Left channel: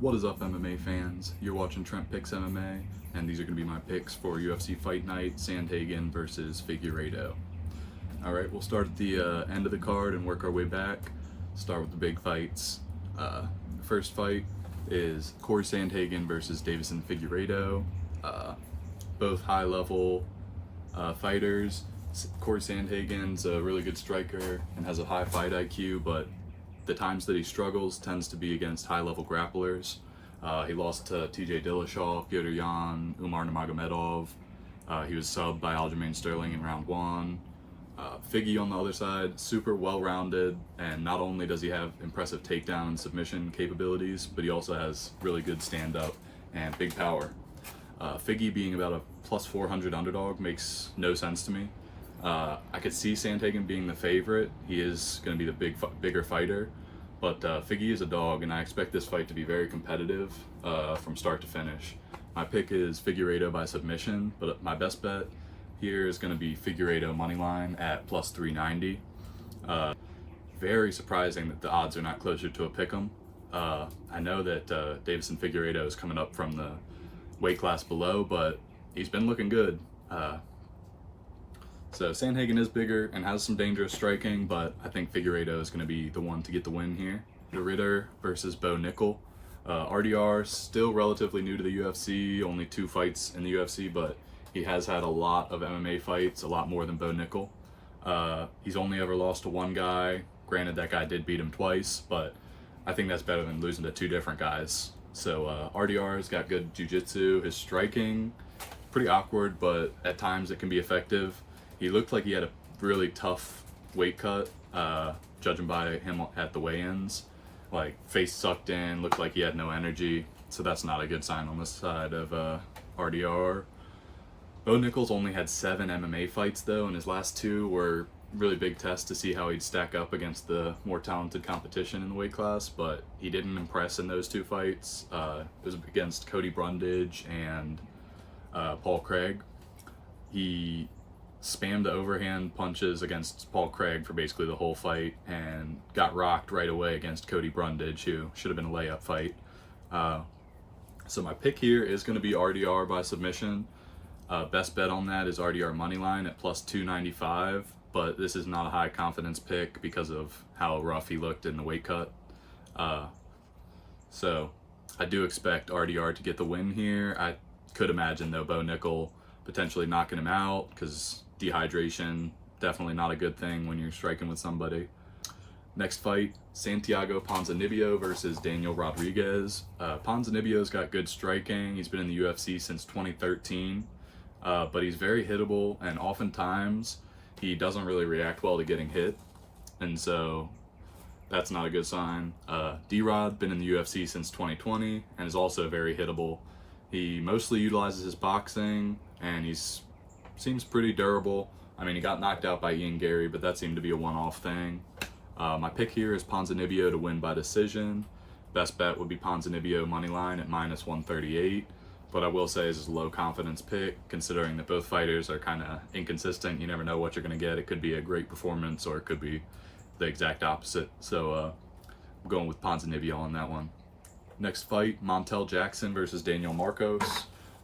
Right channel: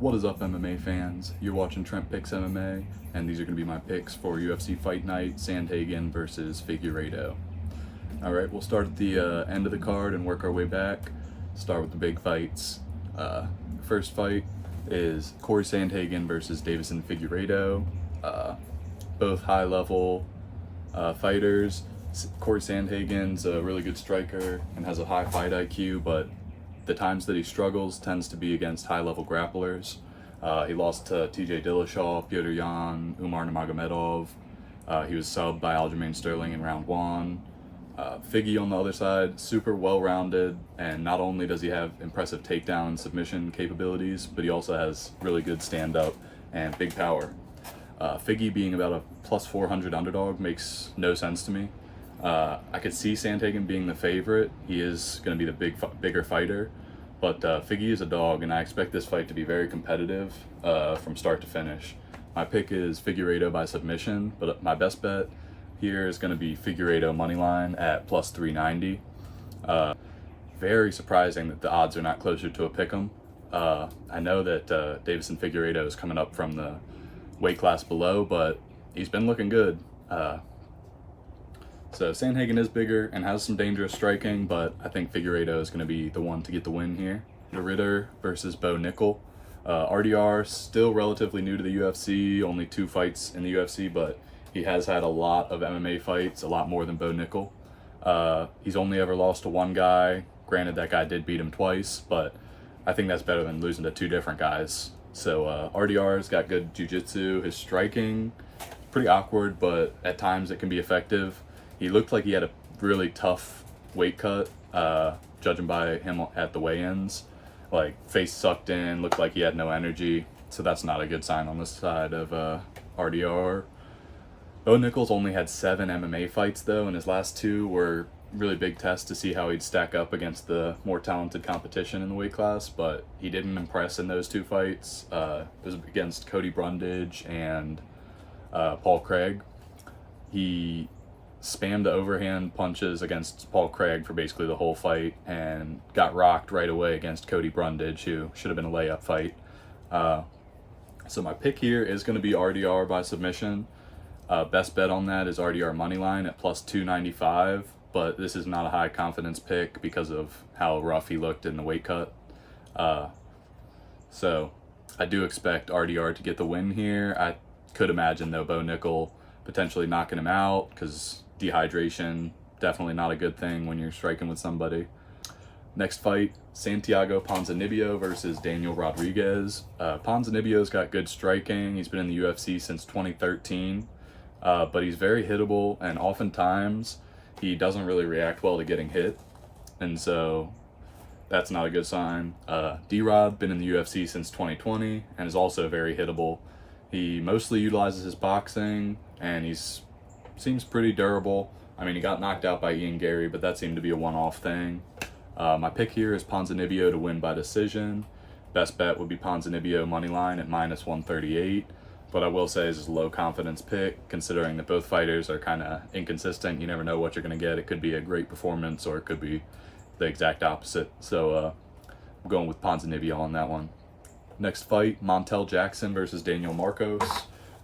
What is up, MMA fans? You're watching Trent Picks MMA, and these are going to be my picks for UFC Fight Night, Sandhagen versus Figueiredo. Alright, we'll start at the end of the card and work our way back. Start with the big fights. First fight is Corey Sandhagen versus Davison Figueiredo. Both high-level fighters. Corey Sandhagen's a really good striker and has a high fight IQ, but the times that he struggles tends to be against high-level grapplers. He lost to TJ Dillashaw, Petr Yan, Umar Nurmagomedov. He was subbed by Aljamain Sterling in round one. Figgy on the other side, super well-rounded, and not only does he have impressive takedown and submission capabilities, but he also has really good stand-up and big power. Figgy being about a plus 400 underdog makes no sense to me. I could see Sandhagen being the favorite. He is going to be the bigger fighter, but Figgy is a dog, and I expect this fight to be very competitive from start to finish. My pick is Figueiredo by submission, but my best bet here is going to be Figueiredo moneyline at plus 390. Very surprising that the odds are not closer to a pick'em. I know that Davison Figueiredo is coming up from the weight class below, but he's been looking good. So Sandhagen is bigger and has some dangerous striking, but I think Figueiredo is going to be the one to get the win here. The Ritter versus Bo Nickel. RDR still relatively new to the UFC, only 2 fights in the UFC, but he has had a lot of MMA fights, a lot more than Bo Nickel. He's only ever lost to one guy. Granted, that guy did beat him twice, but I think that's better than losing to 2 different guys. So RDR's got good jiu-jitsu. His striking, pretty awkward, but at times it can be effective. He looked like he had a really tough weight cut, judging by him at the weigh-ins. Like, face sucked in, looked like he had no energy, so that's not a good sign on this side of RDR. Bo Nickel's only had 7 MMA fights, though, and his last 2 were really big tests to see how he'd stack up against the more talented competition in the weight class, but he didn't impress in those 2 fights. It was against Cody Brundage and Paul Craig. He spammed the overhand punches against Paul Craig for basically the whole fight and got rocked right away against Cody Brundage, who should have been a layup fight. So my pick here is going to be RDR by submission. Best bet on that is RDR moneyline at plus 295, but this is not a high confidence pick because of how rough he looked in the weight cut. So I do expect RDR to get the win here. I could imagine, though, Bo Nickel potentially knocking him out because dehydration, definitely not a good thing when you're striking with somebody. Next fight, Santiago Ponzinibbio versus Daniel Rodriguez. Ponzinibbio's got good striking. He's been in the UFC since 2013, but he's very hittable, and oftentimes he doesn't really react well to getting hit, and so that's not a good sign. D-Rod, been in the UFC since 2020 and is also very hittable. He mostly utilizes his boxing, and seems pretty durable. I mean, he got knocked out by Ian Gary, but that seemed to be a one-off thing. My pick here is Ponzinibbio to win by decision. Best bet would be Ponzinibbio moneyline at minus 138, but I will say this is a low confidence pick, considering that both fighters are kind of inconsistent. You never know what you're going to get. It could be a great performance, or it could be the exact opposite. So I'm going with Ponzinibbio on that one. Next fight, Montel Jackson versus Daniel Marcos.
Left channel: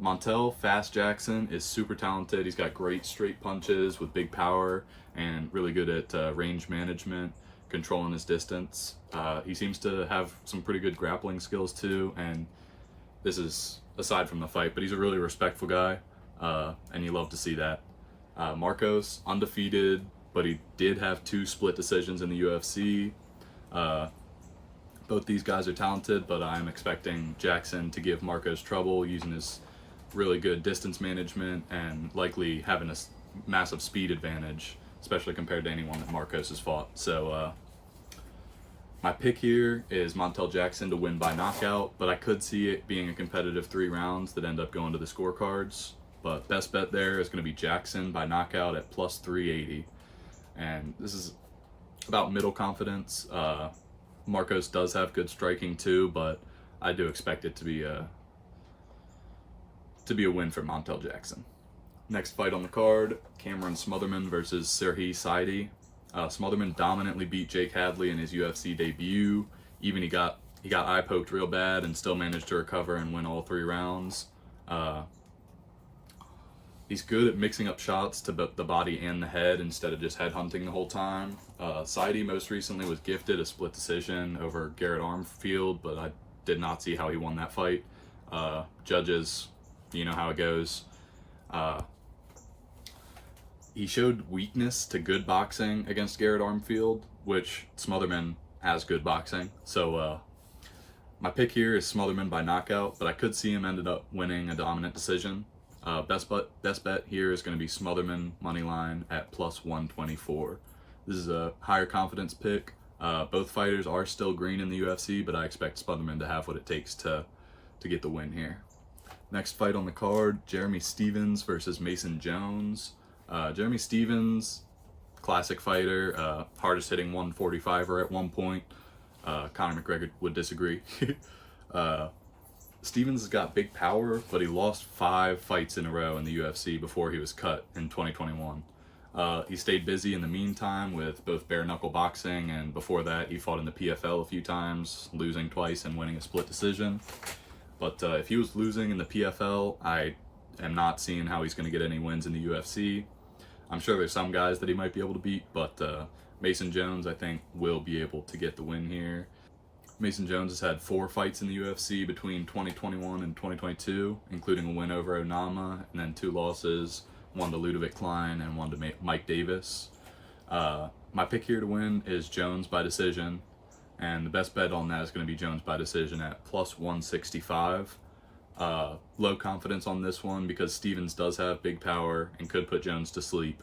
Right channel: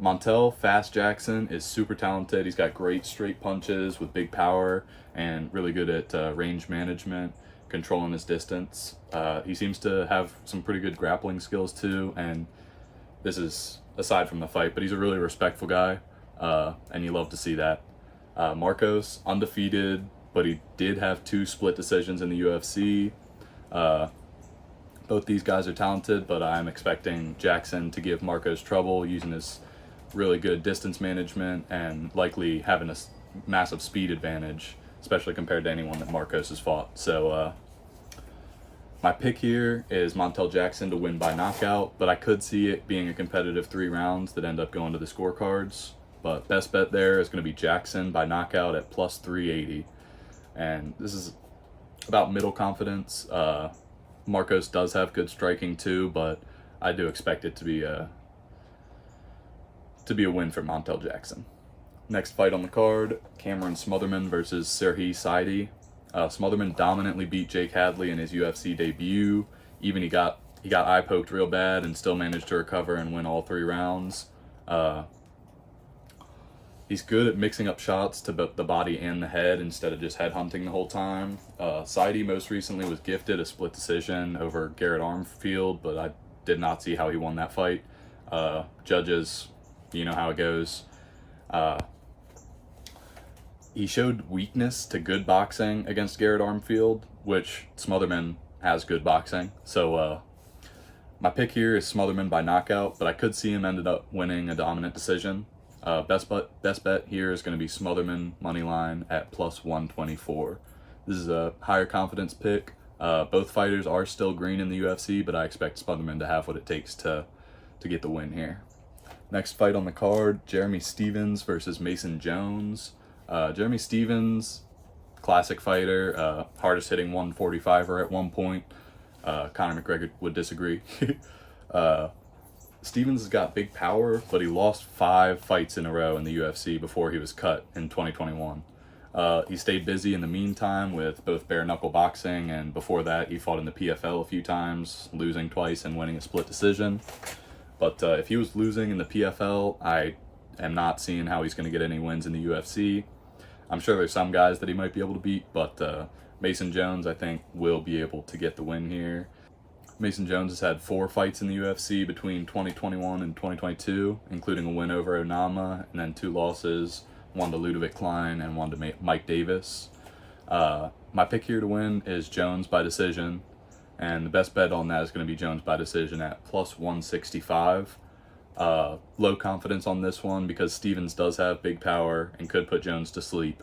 Montel, fast Jackson, is super talented. He's got great straight punches with big power and really good at range management, controlling his distance. He seems to have some pretty good grappling skills too, and this is aside from the fight, but he's a really respectful guy, and you love to see that. Marcos, undefeated, but he did have 2 split decisions in the UFC. Both these guys are talented, but I'm expecting Jackson to give Marcos trouble using his really good distance management and likely having a massive speed advantage, especially compared to anyone that Marcos has fought. So my pick here is Montel Jackson to win by knockout, but I could see it being a competitive 3 rounds that end up going to the scorecards. But best bet there is going to be Jackson by knockout at plus 380. And this is about middle confidence. Marcos does have good striking too, but I do expect it to be a win for Montel Jackson. Next fight on the card, Cameron Smotherman versus Serhii Saidi. Smotherman dominantly beat Jake Hadley in his UFC debut. Even he got He got eye poked real bad and still managed to recover and win all 3 rounds. He's good at mixing up shots to both the body and the head instead of just head hunting the whole time. Saidi most recently was gifted a split decision over Garrett Armfield, but I did not see how he won that fight. Judges, you know how it goes. He showed weakness to good boxing against Garrett Armfield, which Smotherman has good boxing. So my pick here is Smotherman by knockout, but I could see him ended up winning a dominant decision. Best bet here is going to be Smotherman moneyline at plus 124. This is a higher confidence pick. Both fighters are still green in the UFC, but I expect Smotherman to have what it takes to get the win here. Next fight on the card, Jeremy Stephens versus Mason Jones. Jeremy Stephens, classic fighter, hardest hitting 145er at one point. Conor McGregor would disagree. Stephens has got big power, but he lost 5 fights in a row in the UFC before he was cut in 2021. He stayed busy in the meantime with both bare knuckle boxing, and before that he fought in the PFL a few times, losing twice and winning a split decision. But if he was losing in the PFL, I am not seeing how he's going to get any wins in the UFC. I'm sure there's some guys that he might be able to beat, but Mason Jones, I think, will be able to get the win here. Mason Jones has had 4 fights in the UFC between 2021 and 2022, including a win over Onama, and then 2 losses, one to Ludovic Klein and one to Mike Davis. My pick here to win is Jones by decision, and the best bet on that is going to be Jones by decision at plus 165. Low confidence on this one because Stephens does have big power and could put Jones to sleep.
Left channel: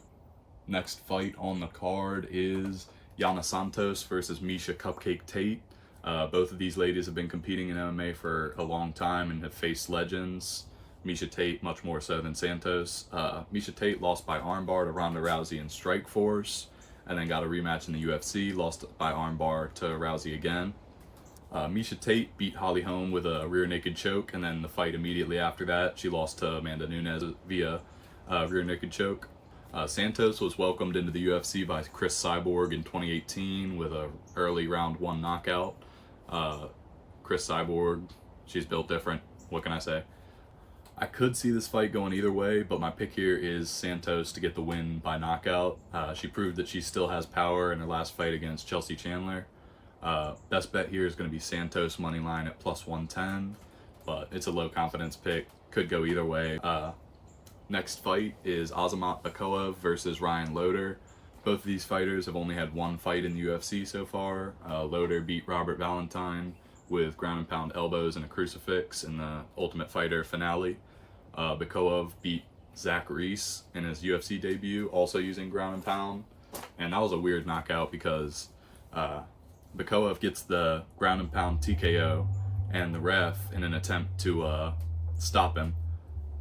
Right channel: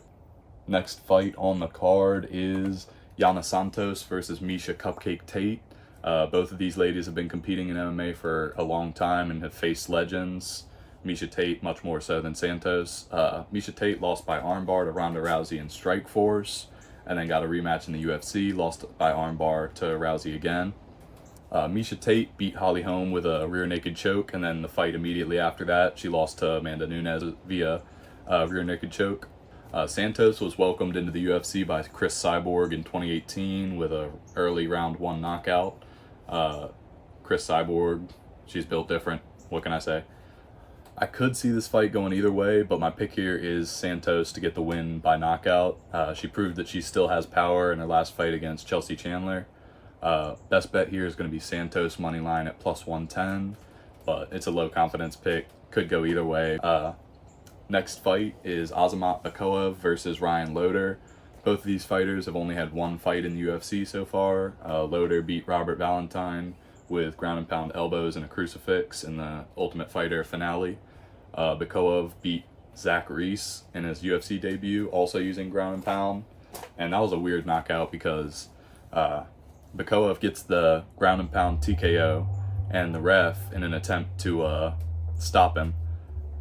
Next fight on the card is Yana Santos versus Miesha Cupcake Tate. Both of these ladies have been competing in MMA for a long time and have faced legends. Miesha Tate much more so than Santos. Miesha Tate lost by armbar to Ronda Rousey in Strikeforce, and then got a rematch in the UFC, lost by armbar to Rousey again. Miesha Tate beat Holly Holm with a rear naked choke, and then the fight immediately after that, she lost to Amanda Nunes via rear naked choke. Santos was welcomed into the UFC by Chris Cyborg in 2018 with a early round 1 knockout. Chris Cyborg, she's built different. What can I say? I could see this fight going either way, but my pick here is Santos to get the win by knockout. She proved that she still has power in her last fight against Chelsea Chandler. Best bet here is going to be Santos money line at plus 110, but it's a low confidence pick. Could go either way. Next fight is Azamat Bakoev versus Ryan Loder. Both of these fighters have only had 1 fight in the UFC so far. Loder beat Robert Valentine with ground and pound elbows and a crucifix in the Ultimate Fighter finale. Bakoev beat Zach Reese in his UFC debut, also using ground and pound. And that was a weird knockout because Bakoev gets the ground and pound TKO, and the ref, in an attempt to stop him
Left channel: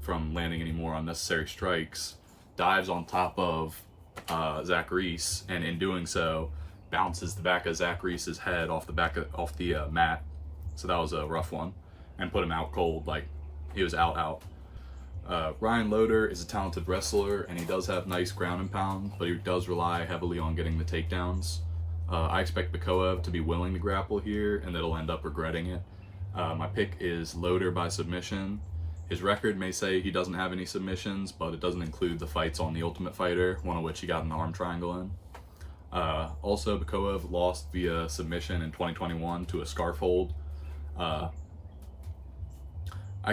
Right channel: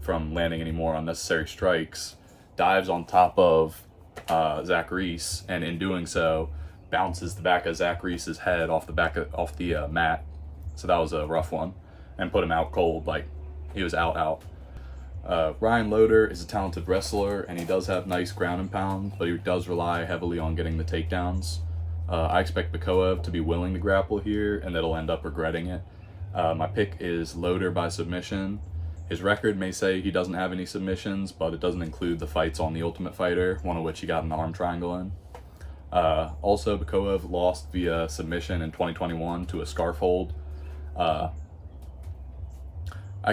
from landing any more unnecessary strikes, dives on top of Zach Reese, and in doing so, bounces the back of Zach Reese's head off the mat. So that was a rough one, and put him out cold, like he was out. Ryan Loder is a talented wrestler, and he does have nice ground and pound, but he does rely heavily on getting the takedowns. I expect Bakoev to be willing to grapple here, and that he'll end up regretting it. My pick is Loder by submission. His record may say he doesn't have any submissions, but it doesn't include the fights on The Ultimate Fighter, one of which he got an arm triangle in. Also, Bakoev lost via submission in 2021 to a scarf hold. I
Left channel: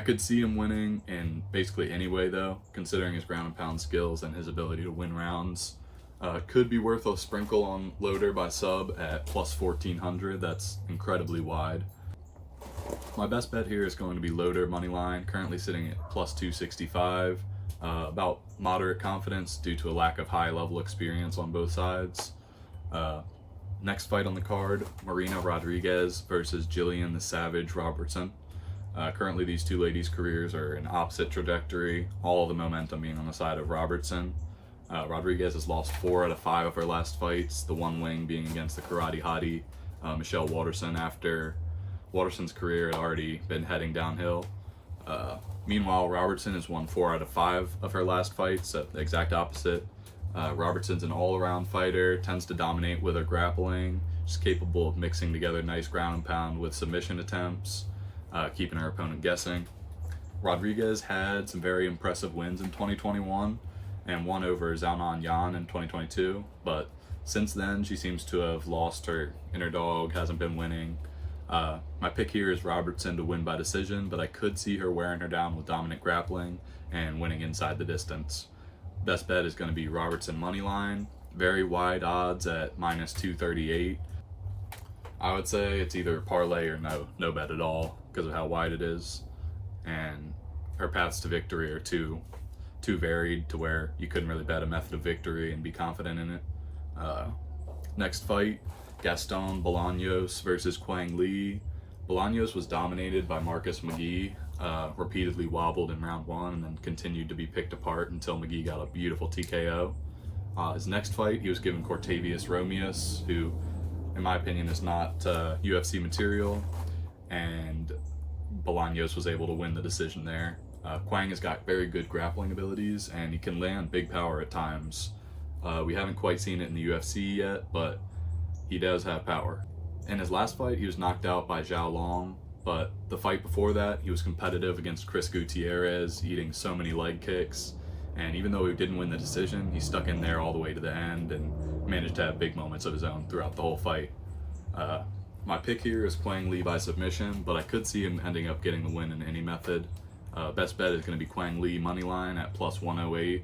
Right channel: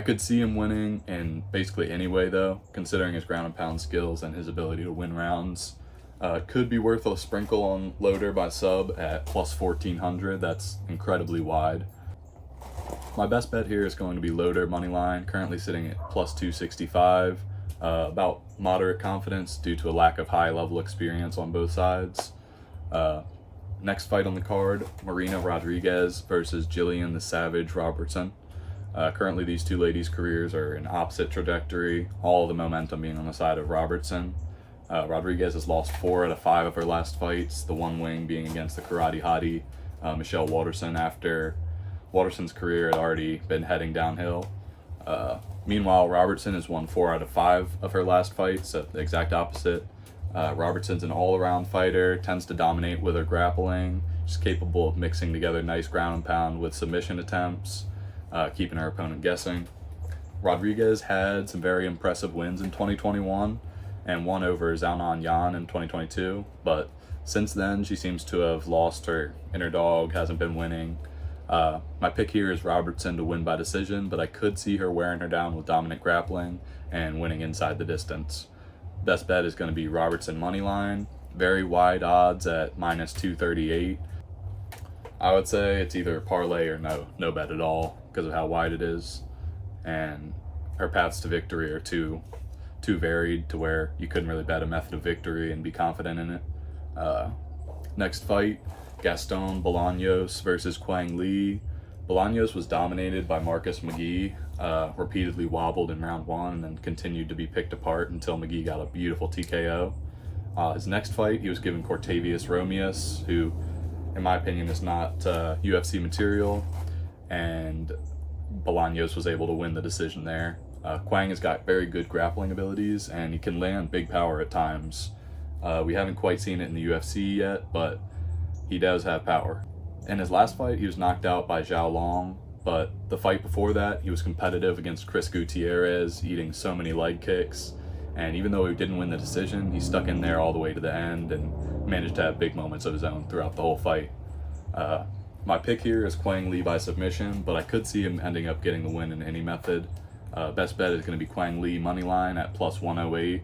could see him winning in basically any way, though, considering his ground and pound skills and his ability to win rounds. Could be worth a sprinkle on Loder by sub at plus 1400. That's incredibly wide. My best bet here is going to be Loder moneyline, currently sitting at plus 265. About moderate confidence due to a lack of high level experience on both sides. Next fight on the card, Marina Rodriguez versus Jillian the Savage Robertson. Currently these two ladies' careers are in opposite trajectory, all the momentum being on the side of Robertson. Rodriguez has lost 4 out of 5 of her last fights, the one win being against the karate hottie Michelle Waterson, after Waterson's career had already been heading downhill. Meanwhile, Robertson has won 4 out of 5 of her last fights, so the exact opposite. Robertson's an all-around fighter, tends to dominate with her grappling. She's capable of mixing together nice ground and pound with submission attempts, keeping her opponent guessing. Rodriguez had some very impressive wins in 2021 and won over Zhao Nan Yan in 2022, but since then she seems to have lost her inner dog, hasn't been winning. My pick here is Robertson to win by decision, but I could see her wearing her down with dominant grappling and winning inside the distance. Best bet is going to be Robertson money line, very wide odds at minus 238. I would say it's either parlay or no bet at all because of how wide it is, and her paths to victory are too varied to where you couldn't really bet a method of victory and be confident in it. Next fight, Gaston Bolaños versus Quang Le. Bolaños was dominated by Marcus McGee, repeatedly wobbled in round 1 and then continued to be picked apart until McGee got a beautiful TKO. His next fight, he was given Cortavius Romeus, who in my opinion is not UFC material, and Bolaños was able to win the decision there. Quang has got very good grappling abilities and he can land big power at times. We haven't quite seen it in the UFC yet, but he does have power. In his last fight, he was knocked out by Zhao Long, but the fight before that, he was competitive against Chris Gutierrez, eating so many leg kicks. And even though he didn't win the decision, he stuck in there all the way to the end and managed to have big moments of his own throughout the whole fight. My pick here is Quang Le by submission, but I could see him ending up getting the win in any method. Best bet is going to be Quang Le money line at plus 108.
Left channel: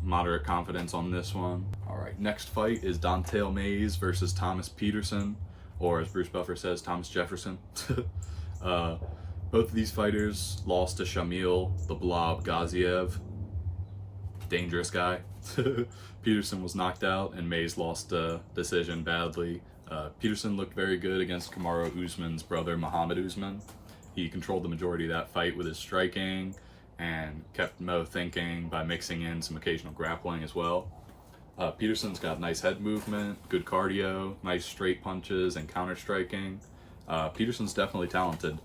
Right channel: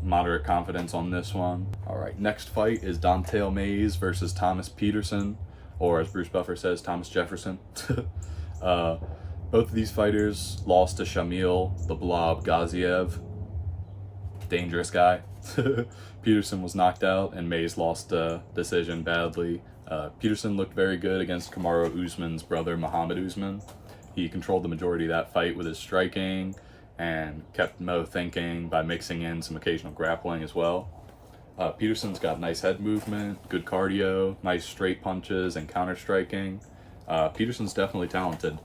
Moderate confidence on this one. All right, next fight is Don'Tale Mayes versus Thomas Peterson, or as Bruce Buffer says, Thomas Jefferson. Both of these fighters lost to Shamil the Blob Gaziev. Dangerous guy. Peterson was knocked out and Mayes lost the decision badly. Peterson looked very good against Kamaru Usman's brother Muhammad Usman. He controlled the majority of that fight with his striking and kept Mo thinking by mixing in some occasional grappling as well. Peterson's got nice head movement, good cardio, nice straight punches and counter striking. Peterson's definitely talented.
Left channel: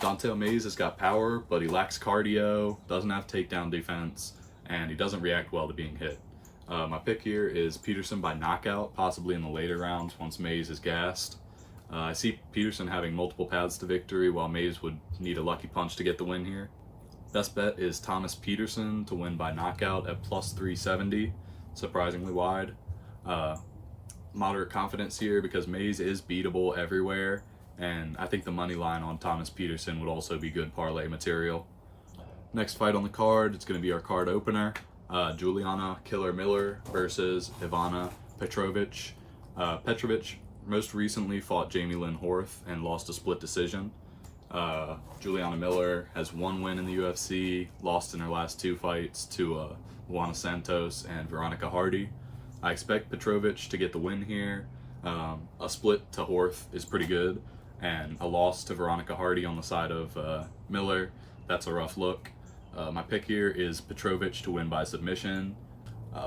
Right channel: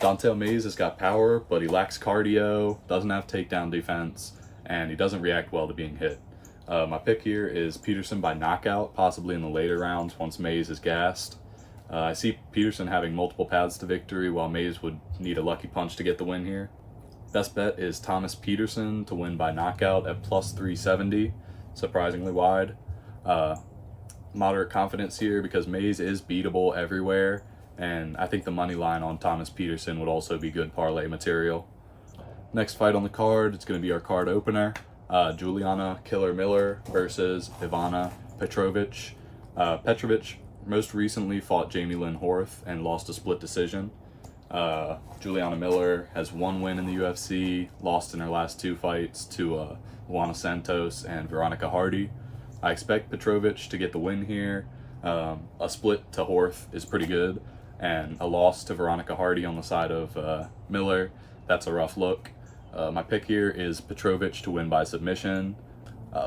Don'Tale Mayes has got power, but he lacks cardio, doesn't have takedown defense, and he doesn't react well to being hit. My pick here is Peterson by knockout, possibly in the later rounds once Mayes is gassed. I see Peterson having multiple paths to victory, while Mayes would need a lucky punch to get the win here. Best bet is Thomas Peterson to win by knockout at plus 370, surprisingly wide. Moderate confidence here because Mayes is beatable everywhere, and I think the money line on Thomas Peterson would also be good parlay material. Next fight on the card, it's going to be our card opener. Juliana Killer Miller versus Ivana Petrovic. Petrovic most recently fought Jamie Lynn Horth and lost a split decision. Juliana Miller has one win in the UFC, lost in her last 2 fights to Luana Santos and Veronica Hardy. I expect Petrovic to get the win here. A split to Horth is pretty good, and a loss to Veronica Hardy on the side of Miller, that's a rough look. My pick here is Petrovic to win by submission.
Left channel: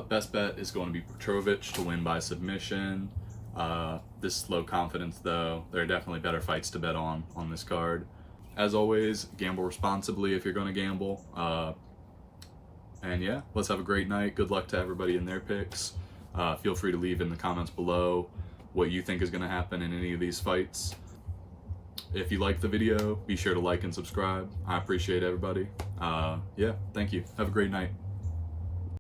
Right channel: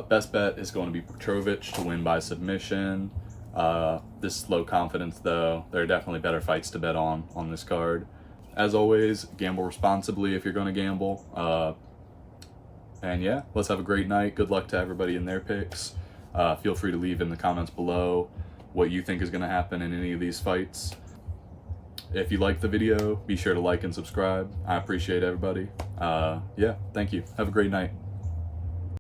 Best bet is going to be Petrovic to win by submission. This is low confidence though. There are definitely better fights to bet on this card. As always, gamble responsibly if you're going to gamble. And yeah, let's have a great night. Good luck to everybody in their picks. Feel free to leave in the comments below what you think is going to happen in any of these fights. If you like the video, be sure to like and subscribe. I appreciate everybody. Yeah, thank you. Have a great night.